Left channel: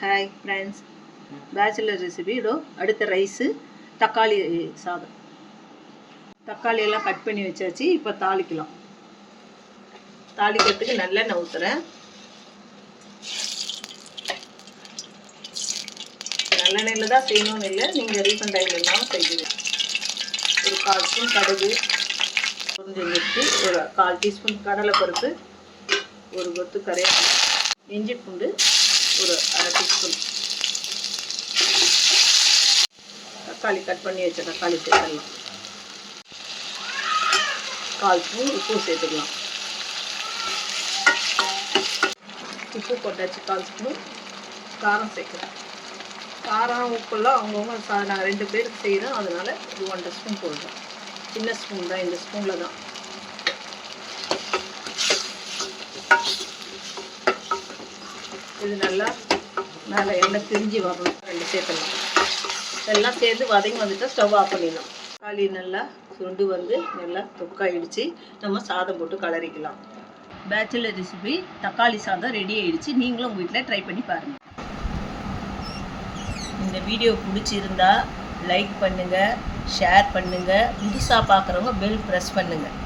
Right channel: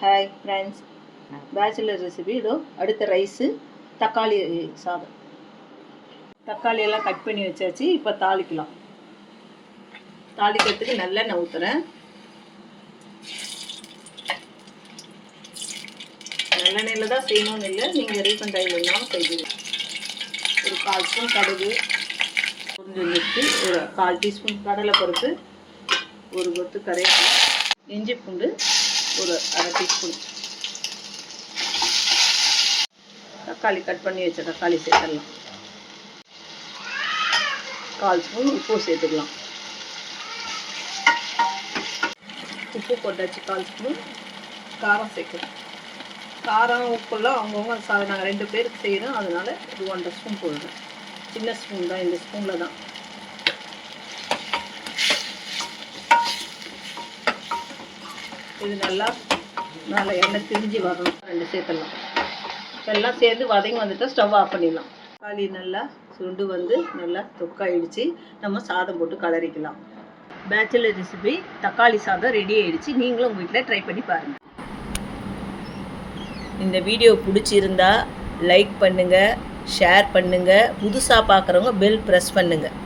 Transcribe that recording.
Hi friends, bachelor recipe. அடுத்த rice தக்காளி சாதம். தக்காளி எல்லாம் கட் பண்ணி வச்சாச்சு. இப்போ தாளிக்கலாம். தாளிக்கிறதுக்கு நல்லெண்ணெய் ஊற்றுறேன். நல்லெண்ணெயில் தான் செய்யணும்னு இல்லை, நீங்கள் ரீஃபண்ட் ஆயில் இருந்தாலும் செய்வீங்க. ஒரு 1/4 ஸ்பூன் கடுகு, கொஞ்சம் வெட்டி, ஒரு 1/4 டீஸ்பூன் கடலைப்பருப்பு, ஒரு கொத்து கருவேப்பிலை, இஞ்சி பூண்டு ஒரு 1/2 டீஸ்பூன், தக்காளி கட் பண்ணி வச்ச தக்காளி சேர்த்துடலாம். 1/4 ஸ்பூன் உப்பு சேர்த்துக்கலாம். உப்பு போட்டாச்சு. 1/4 ஸ்பூன் காரம் சேர்க்கலாம். காரம் உப்புலாம் அவங்கவுங்க நாங்கள் 2 பேருக்கு செய்கிறோம், அதனால் இது 1/2 ஸ்பூன் போடுறோம். சின்ன ஸ்பூன் தான், இந்த ஸ்பூனில் தான். இது நல்லா மேலே எண்ணெய் திரிஞ்சு வரணும். 2 சேர்த்துடலாம். எல்லாம் சேர்ந்து வதங்கி வந்துட்டால் ஸ்டவ் ஆஃப் பண்ணிடலாம். தக்காளி நல்லா சுண்டு வந்து நல்லா தொக்காயிடுச்சு. நம்ம சாதம் போட்டு கலரிக்கலாம். பேச்சுலர் ரெசிபி தக்காளி சாதம் ரெடி ஆகிடுச்சு. நீங்களும் உங்கள் வீட்டில் ட்ரை பண்ணி பாருங்கள். இந்த வீடியோ பிடிச்சிருந்தா லைக் பண்ணுங்கள், ஷேர் பண்ணுங்கள். புதுசாக பார்க்குறவங்க பெல் ப்ரெஸ் பண்ணுங்கள்.